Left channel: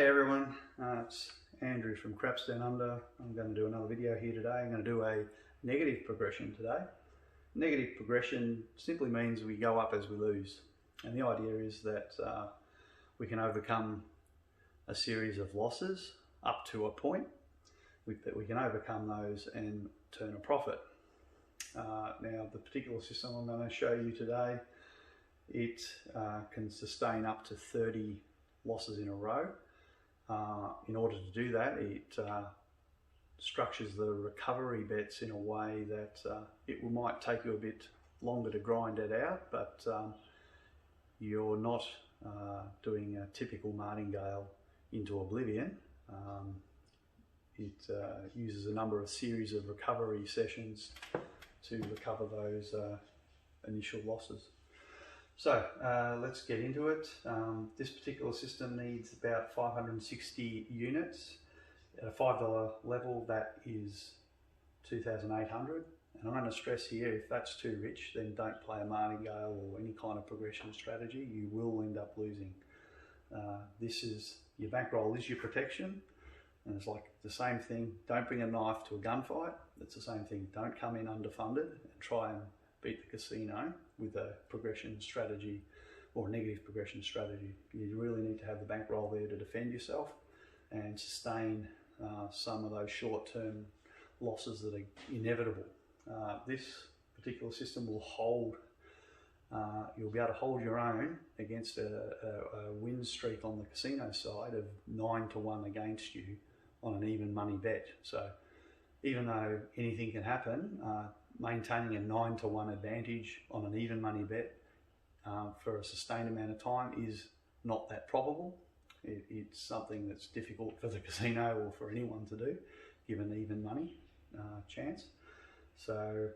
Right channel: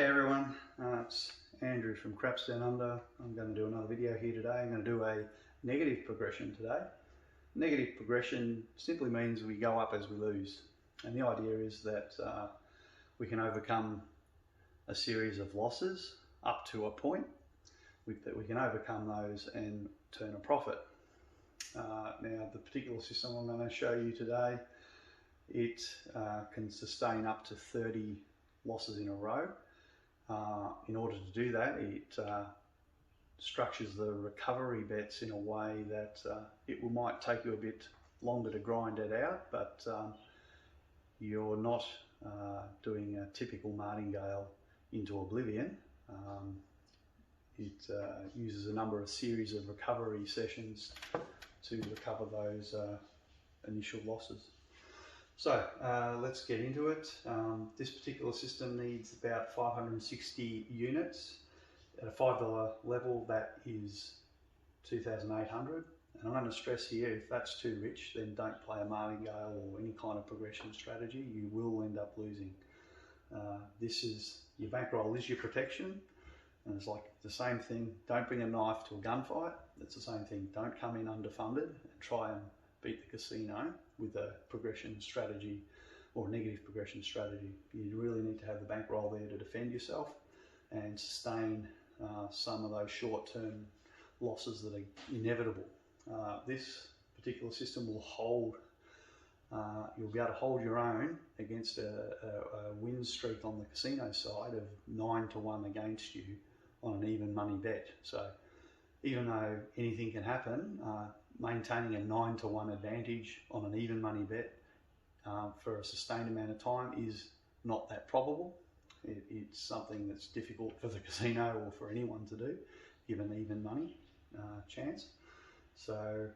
Hey everyone, it's Andrew from Craps Down Under. I'm going to do another video here today. I'm going to do a negative progression today. Negative progression simply means we go up as we lose. And the idea is that we can overcome a series of losses up to a point. That we can overcome those and turn a profit. Now the particular system I'm going to show you today, it can sustain up to 30 losses in a row. In order to do that, it structures the recovery bets in a way that it might take you a bit longer to grind it out, but you're not doing a typical martingale into oblivion. It uses a number of series of recovery sessions to recover those initial losses. So let's get into it. This particular system needs about 560 units. At a $5 level, that is 2,800. And I'm going to stress here, if that's too rich, then don't play a martingale or any kind of progression strategy. You will end up losing. This is your bankroll is your protection, and it's like the same thing. Don't bring a knife to a gunfight. It's the same thing. Don't come in underfunded and try and beat the casino with a progression strategy or a negative progression strategy. You really need to have the bankroll there to defend yourself and sustain some of those short-term losses that are inevitable. This particular system will hold, you'll be able to hold your own against a win streak on the casino side of 9-1 against you on an even money bet. So even though anything can happen, maintaining a 9-1 advantage on an even money bet for a sustained amount of time is not that probable. It's something that's difficult for the casino or for anyone to do, given even money chance. So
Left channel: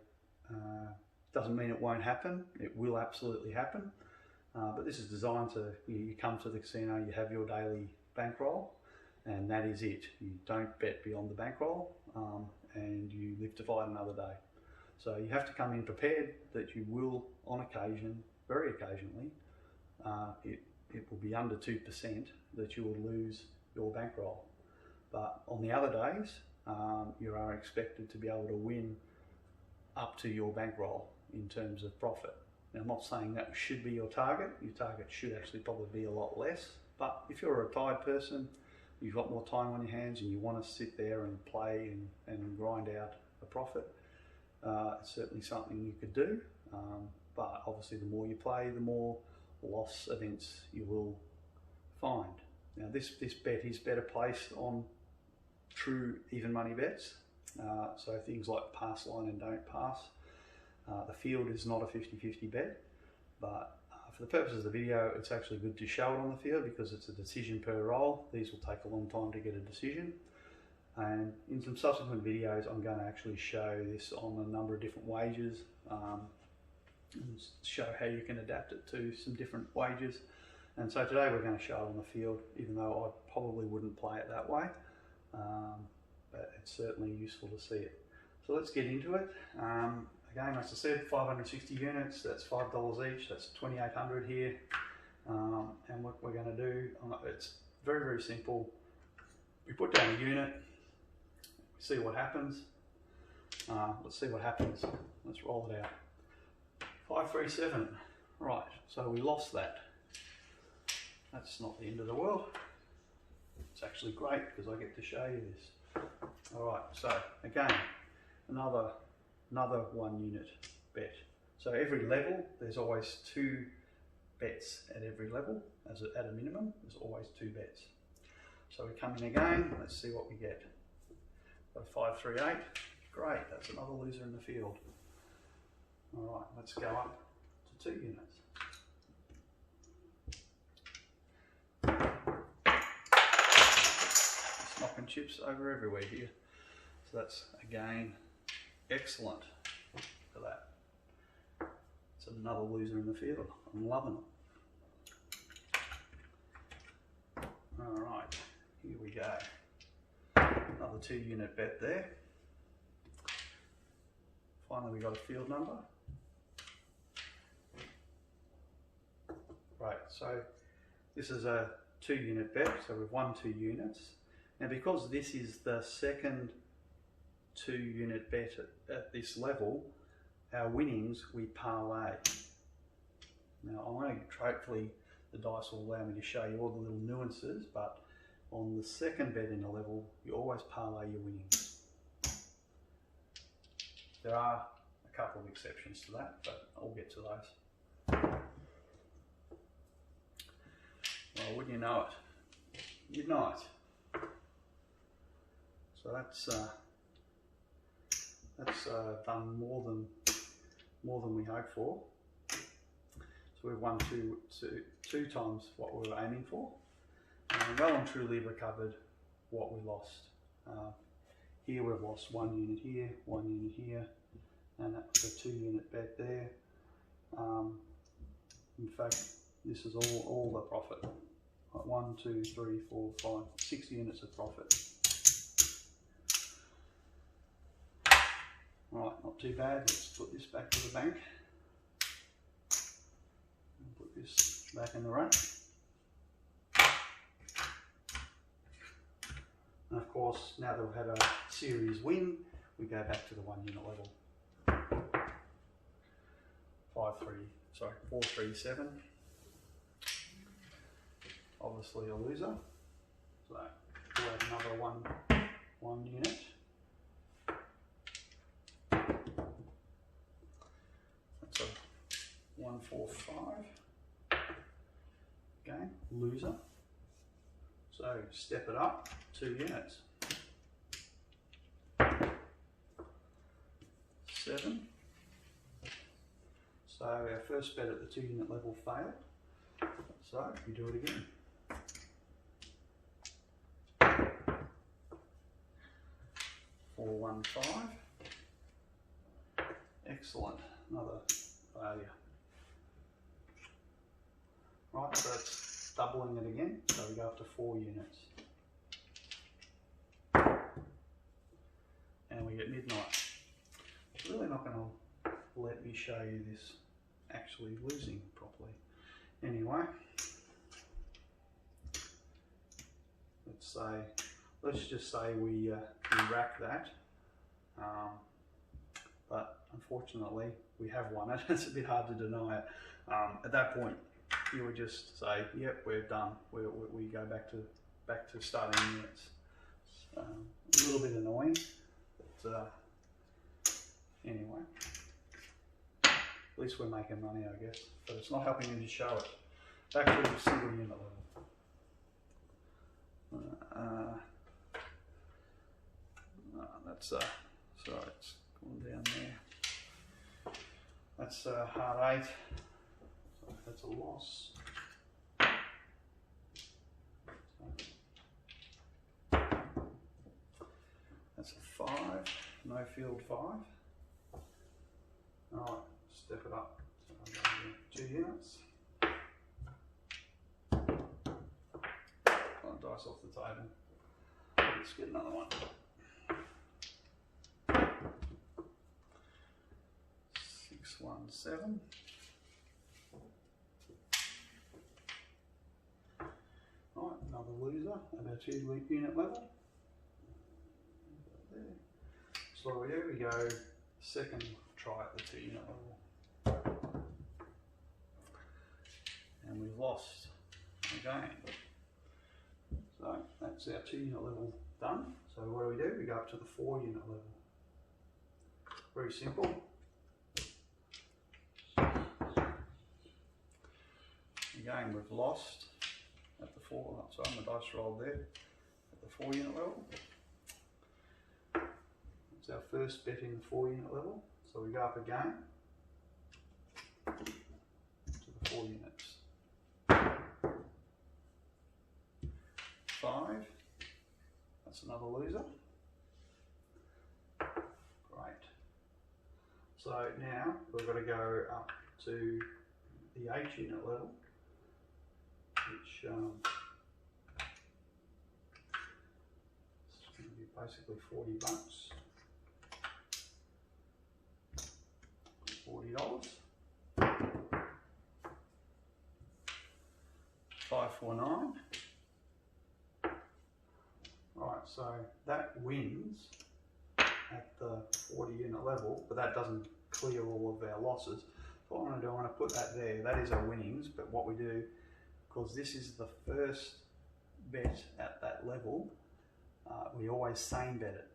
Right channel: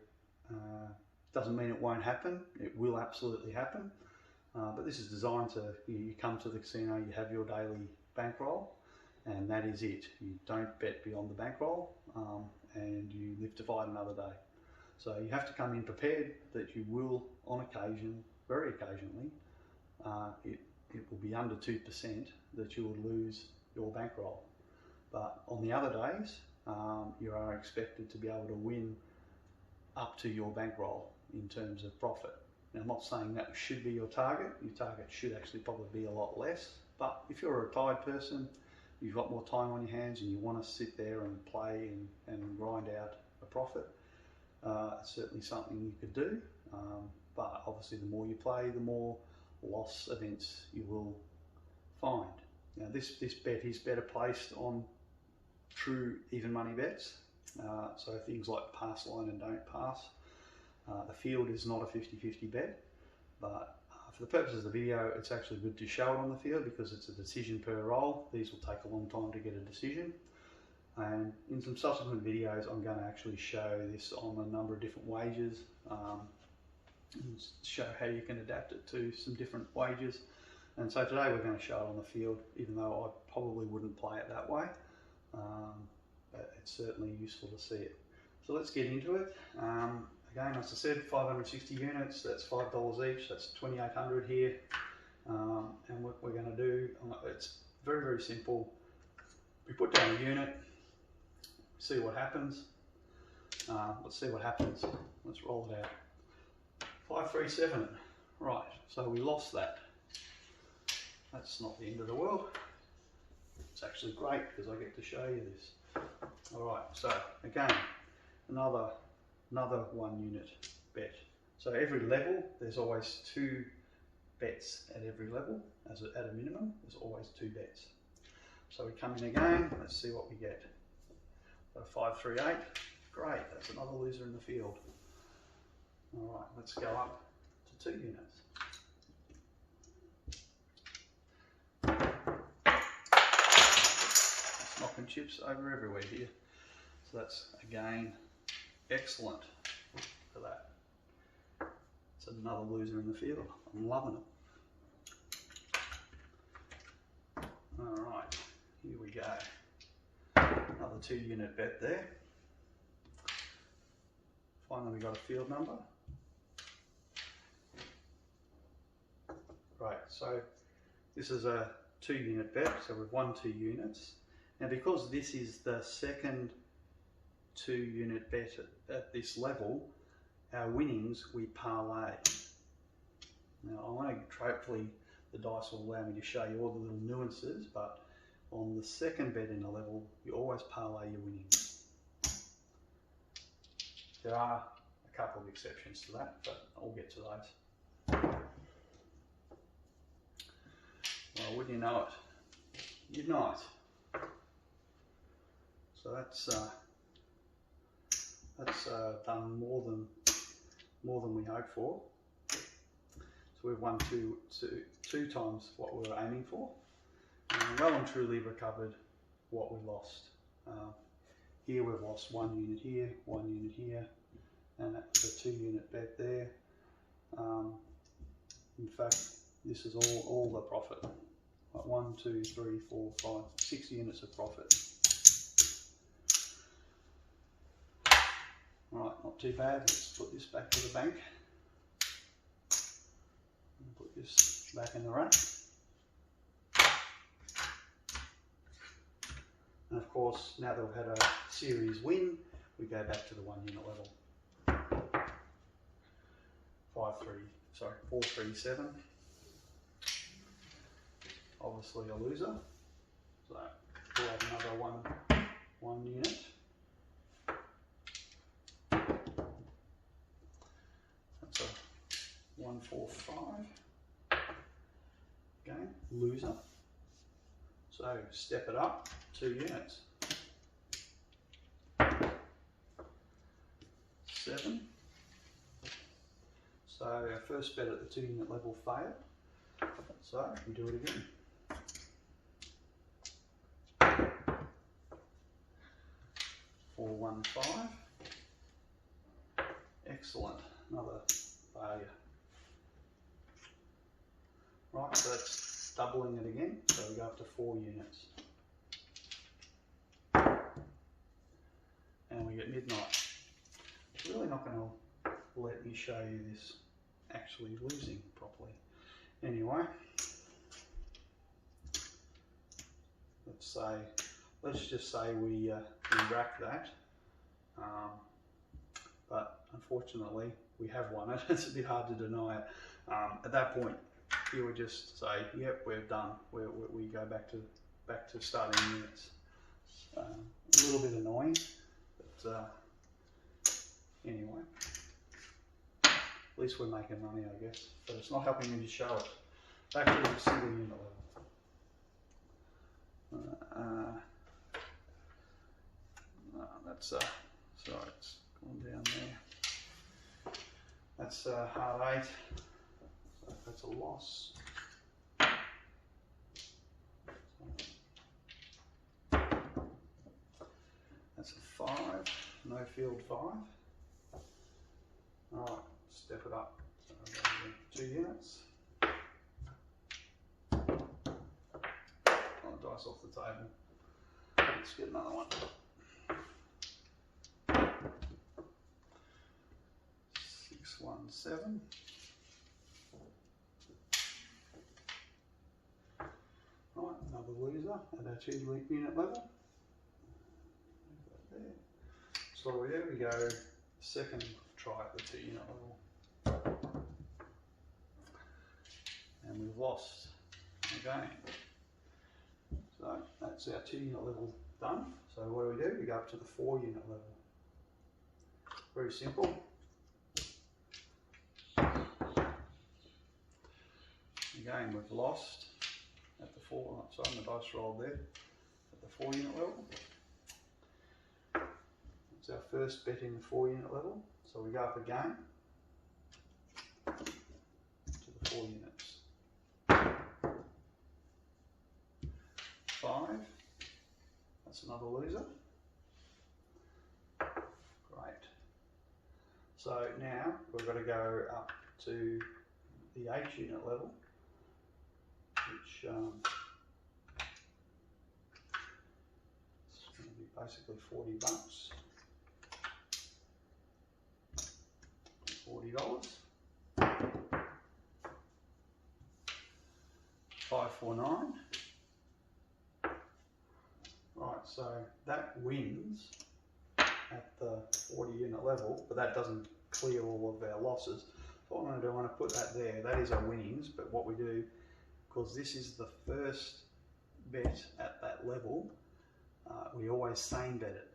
doesn't mean it won't happen. It will absolutely happen. But this is designed to, you come to the casino, you have your daily bankroll, and that is it. You don't bet beyond the bankroll, and you live to fight another day. So you have to come in prepared that you will, on occasion, very occasionally, it will be under 2% that you will lose your bankroll. But on the other days, you are expected to be able to win up to your bankroll in terms of profit. Now, I'm not saying that should be your target. Your target should actually probably be a lot less. But if you're a retired person, you've got more time on your hands and you want to sit there and play and grind out a profit, it's certainly something you could do, but obviously the more you play, the more loss events you will find. Now this bet is better placed on true even money bets, so things like pass line and don't pass. The field is not a 50-50 bet, but for the purposes of the video, it's actually good to show it on the field because it's a decision per roll. These will take a long time to get a decision. And in some subsequent videos, I'm going to actually show this on a number of different wages and show how you can adapt it to some different wages. And so today we're going to show it on the field, even though I probably wouldn't play it that way. But it's certainly useful to see it. So let's get into it. Again, as I said, 560 units, that's $5 each, that's 2,800 here. And what we're going to do, it's very, very simple. We put down a unit, see what happens. Let's see what happens. Let's roll it out. 537. Right, so we lost that. That's not the end of the world. It's actually great because I get to show you this. All right, so again, another 1 unit bet. So every level, there's always 2 bets at every level. At a minimum, there's always 2 bets. So we come in again, let's see what we get. Got a 538, great, that's another loser in the field. All right, let's go up to 2 units. It's knocking chips over everywhere here. So that's, again, excellent for that. It's another loser in the field. I'm loving it. All right, here we go. Another 2 unit bet there. Finally, we got a field number. Right, so this is a 2 unit bet, so we've won 2 units. And because this is the second 2 unit bet at this level, our winnings we parlay. Now I want to, hopefully the dice will allow me to show you all the little nuances, but on the second bet in a level, you always parlay your winnings. There are a couple of exceptions to that, but I'll get to those. Well, wouldn't you know it? You'd know it. So that's done more than we hoped for. So we've won two times what we were aiming for, and well and truly recovered what we lost. Here we've lost 1 unit here, 1 unit here, and that was a 2 unit bet there. In fact, this is all the profit. Like 1, 2, 3, 4, 5, 6 units of profit. Right, not too bad. Let's put this back to the bank. And put this back in the rack. And of course, now that we've had a series win, we go back to the 1 unit level. 437. Obviously a loser. So we'll add another one unit. That's a 145. Again, loser. So step it up 2 units. 7. So our first bet at the 2 unit level failed. So we do it again. 415. Excellent. Another failure. Right, so that's doubling it again. So we go up to 4 units. And we get midnight. It's really not going to let me show you this actually losing properly. Anyway, let's just say we rack that, but unfortunately we have won it. It's a bit hard to deny it. At that point, you would just say, "Yep, we're done. We go back to starting units." A little bit annoying, but anyway. At least we're making money, I guess, but it's not helping me to show it. Back to the single unit level. That's sorry, it's gone down there. That's hard 8, so that's a loss. That's a 5, no field 5. All right. Step it up. So 2 units. Dice off the table. Let's get another one. 617. Right, another loser at our 2 unit level. There. So what do? We go second try at the 2 unit level. And we've lost again. So that's our 2 unit level done. So what do? We go up to the 4 unit level. Very simple. Again, we've lost at the 4, sorry, the dice rolled there, at the 4 unit level. It's our first bet in the 4 unit level. So we go up again to the 4 units. 5, that's another loser. Great. So now we've got to go up to the 8 unit level, which is going to be basically $40. $40. 549. so that wins at the 40 unit level, but that doesn't clear all of our losses. So what I'm going to do, I'm going to put that there. That is our winnings, but what we do, because this is the first bet at that level, we always same bet it.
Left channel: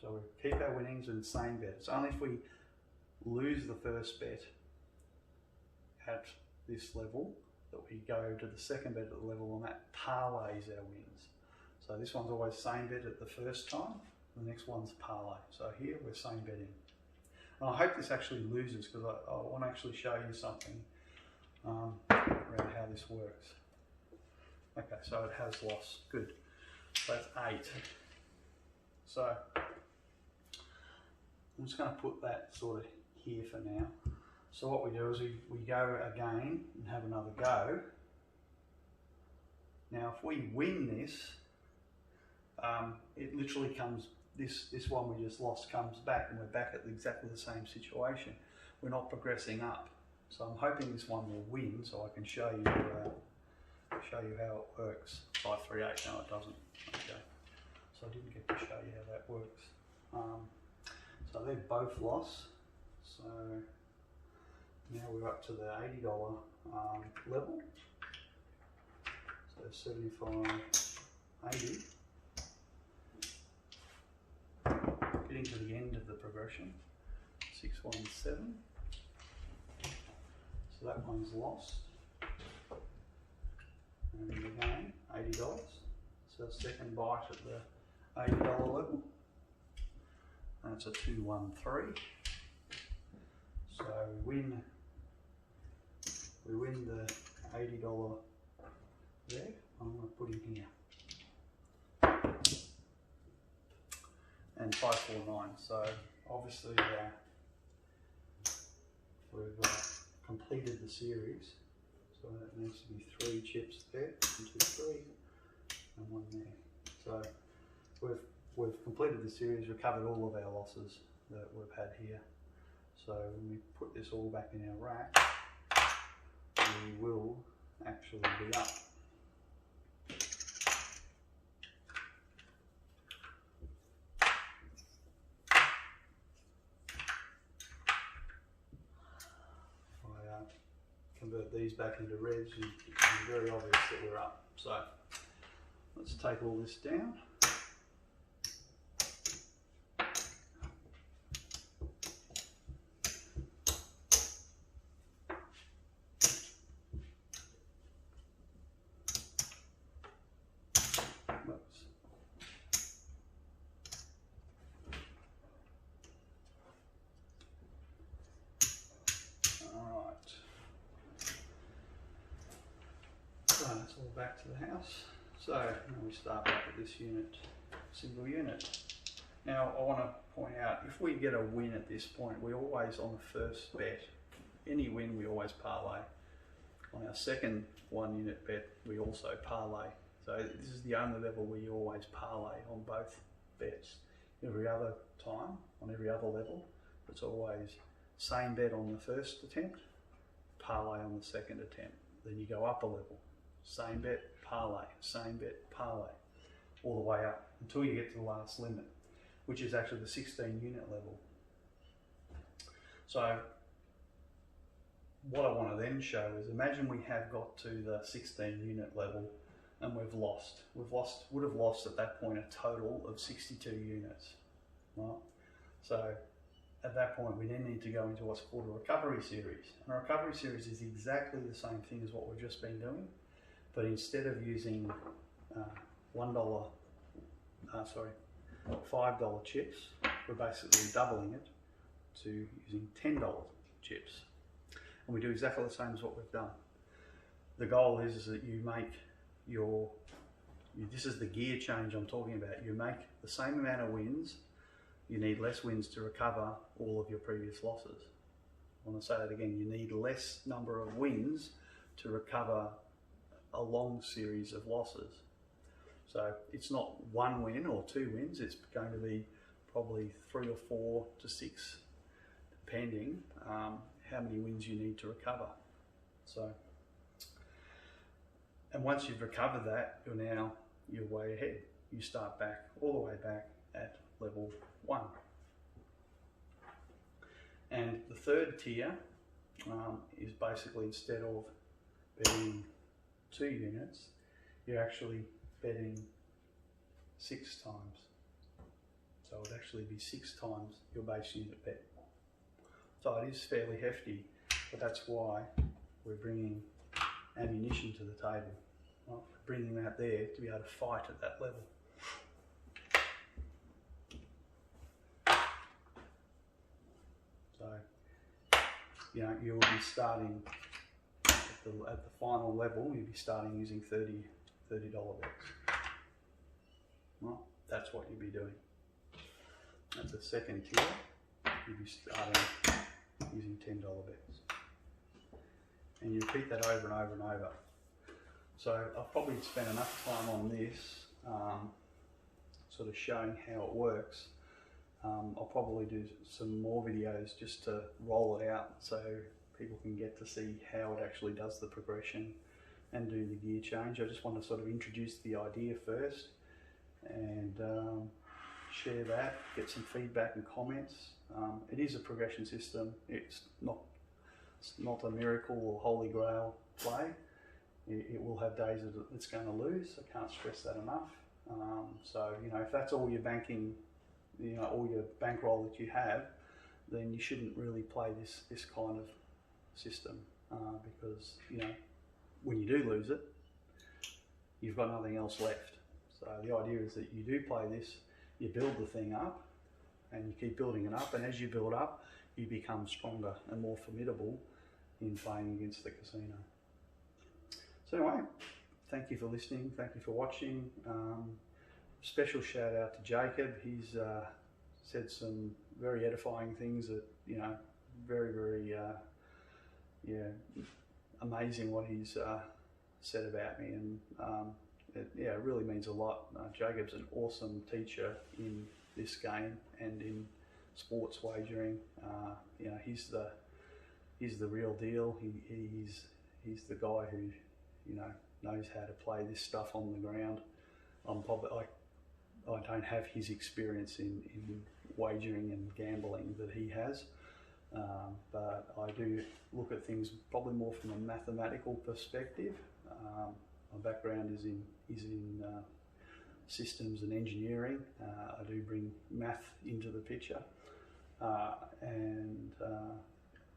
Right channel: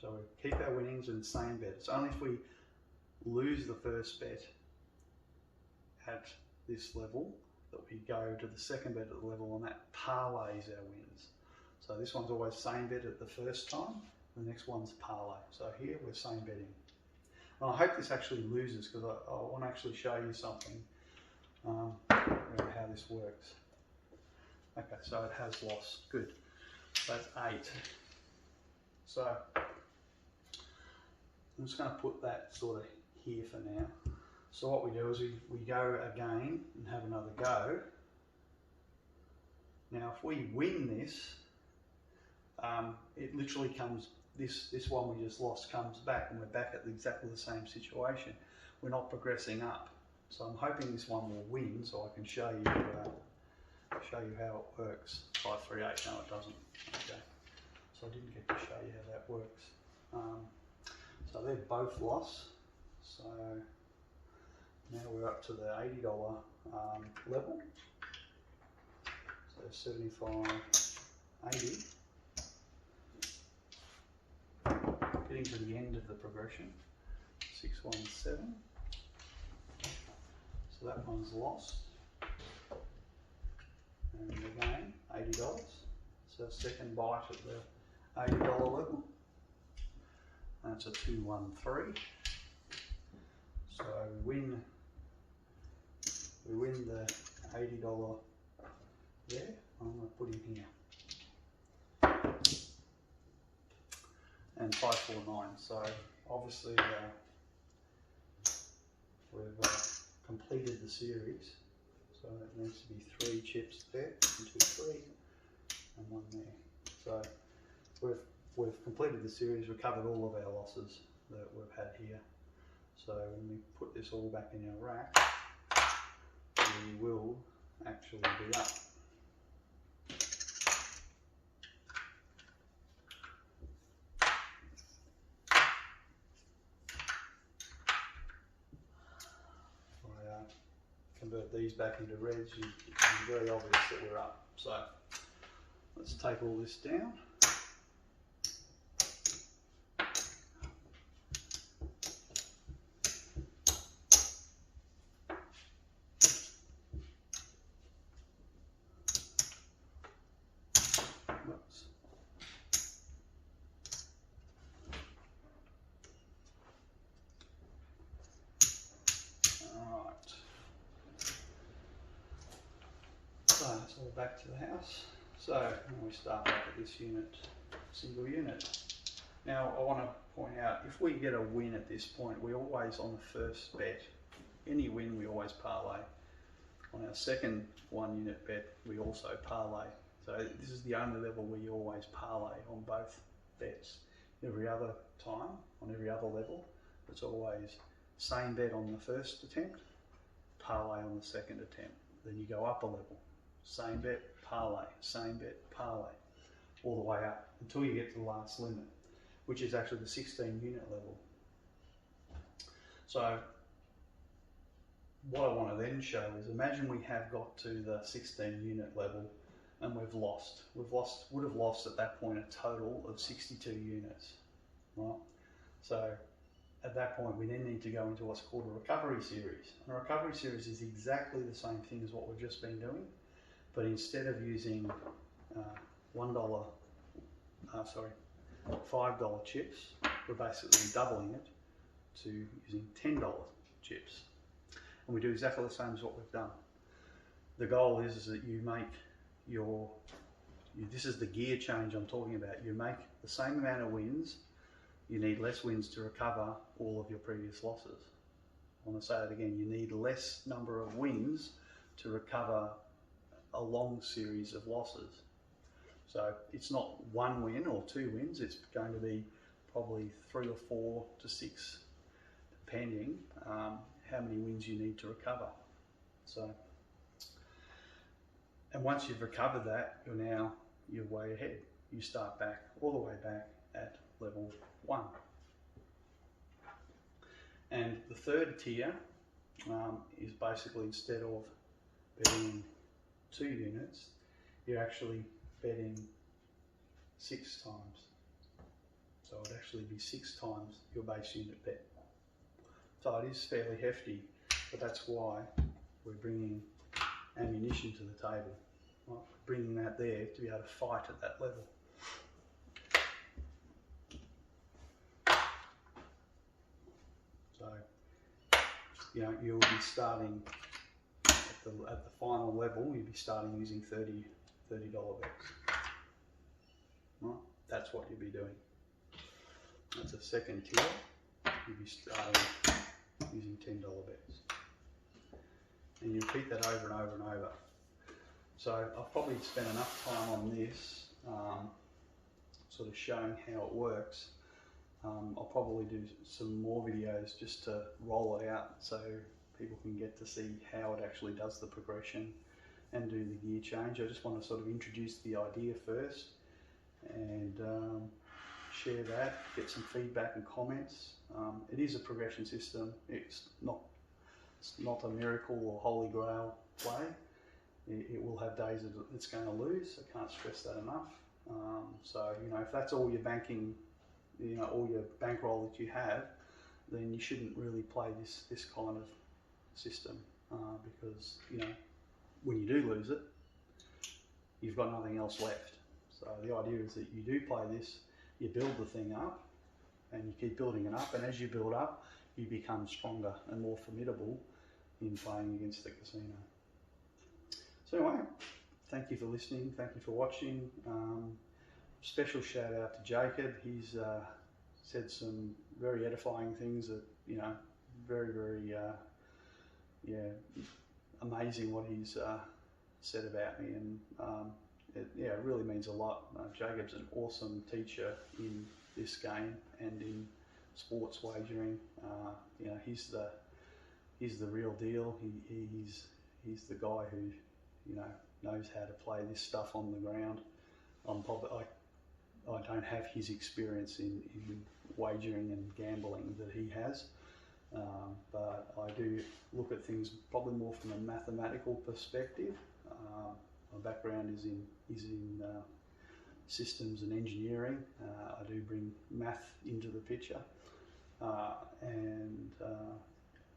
So we keep our winnings and same bet. It's only if we lose the first bet at this level that we go to the second bet at the level, and that parlays our wins. So this one's always same bet at the first time, the next one's parlay. So here we're same betting. And I hope this actually loses, because I want to actually show you something around how this works. Okay, so it has lost. Good. So that's 8. So I'm just going to put that sort of here for now. So what we do is we go again and have another go. Now if we win this, it literally comes, this one we just lost comes back, and we're back at exactly the same situation. We're not progressing up. So I'm hoping this one will win, so I can show you how it works. 538, no it doesn't. Okay. So I didn't get to show you how that works. So they're both lost. So now we're up to the $80 level. So 75.80. Getting to the end of the progression. 617. So that one's lost. And again, $80. So second bite at the $80 level. That's a 213. So we win the $80 there. I'm going to put in here. And 549. So obviously we've completed the series. So that needs to be 3 chips there, 1, 2, 3, and 1 there. So we've completed the series, we've covered all of our losses that we've had here. So when we put this all back in our rack, we will actually be up. Convert these back into reds, it's very obvious that we're up. So let's take all this down. Whoops. All right. So it's all back to the house. So now we start back at this unit, single unit. Now I want to point out, if we get a win at this point, we always, on the first bet, any win we always parlay. On our second 1 unit bet, we also parlay. So this is the only level where you always parlay on both bets. Every other time, on every other level, it's always same bet on the first attempt, parlay on the second attempt. Then you go up a level. Same bet, parlay, same bet, parlay, all the way up until you get to the last limit, which is actually the 16 unit level. So what I want to then show is, imagine we have got to the 16 unit level and we've lost. Would have lost at that point a total of 62 units, right? So at that point we then need to go into what's called a recovery series. And a recovery series is exactly the same thing as what we've just been doing. But instead of using $5 chips, we're basically doubling it to using $10 chips. And we do exactly the same as what we've done. The goal is that you make this is the gear change I'm talking about. You make the same amount of wins, you need less wins to recover all of your previous losses. I want to say it again, you need less number of wins to recover a long series of losses. So it's not 1 win or 2 wins, it's going to be probably 3 or 4 to 6, depending how many wins you need to recover. So, and once you've recovered that, you're way ahead. you start back, all the way back at level 1. And the third tier is basically, instead of betting 2 units, you're actually betting 6 times. So it'd actually be 6 times your base unit bet. So it is fairly hefty, but that's why we're bringing ammunition to the table. Right? We're bringing that there to be able to fight at that level. So, you know, you'll be starting at the final level. You'll be starting using $30 bets. Right? That's what you'll be doing. That's a second tier. You'll be starting using $10 bets. And you repeat that over and over and over. So I've probably spent enough time on this, sort of showing how it works. I'll probably do some more videos just to roll it out so people can get to see how it actually does the progression and do the gear change. I just want to sort of introduce the idea first and share that, get some feedback and comments. It is a progression system. It's not a miracle or holy grail play. It will have days that it's going to lose. I can't stress that enough. So, you know, if that's all you're banking, you know, all your bankroll that you have, then you shouldn't really play this kind of system because, you know, when you do lose it, you've got nothing else left. So the idea is that you do play this, you build the thing up and you keep building it up, and as you build up, you become stronger and more formidable in playing against the casino. So anyway, thank you for listening, thank you for watching. Special shout out to Jacob. He's said some very edifying things that, you know, very, very, amazing what he's said about me, and it really means a lot. Jacob's an awesome teacher in this game and in sports wagering. You know, he's the real deal. He's the guy who, you know, knows how to play this stuff on the ground. I don't have his experience in wagering and gambling that he has, but I do look at things probably more from a mathematical perspective. My background is in systems and engineering. I do bring math into the picture, and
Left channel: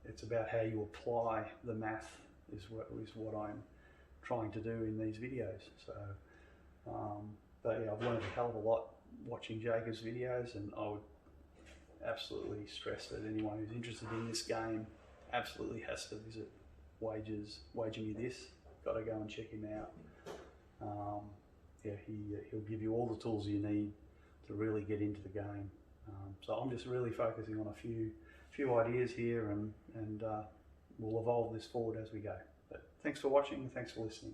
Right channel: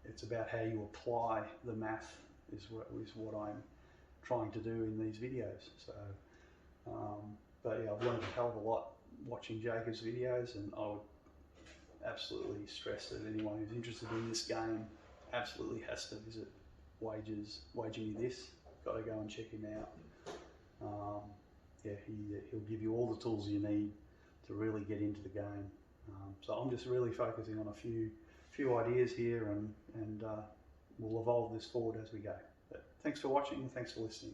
it's about how you apply the math is what I'm trying to do in these videos. So, but yeah, I've learned a hell of a lot watching Jacob's videos, and I would absolutely stress that anyone who's interested in this game absolutely has to visit Wager Me This. Got to go and check him out. Yeah, he'll give you all the tools you need to really get into the game. So I'm just really focusing on a few ideas here, and we'll evolve this forward as we go. But thanks for watching, and thanks for listening.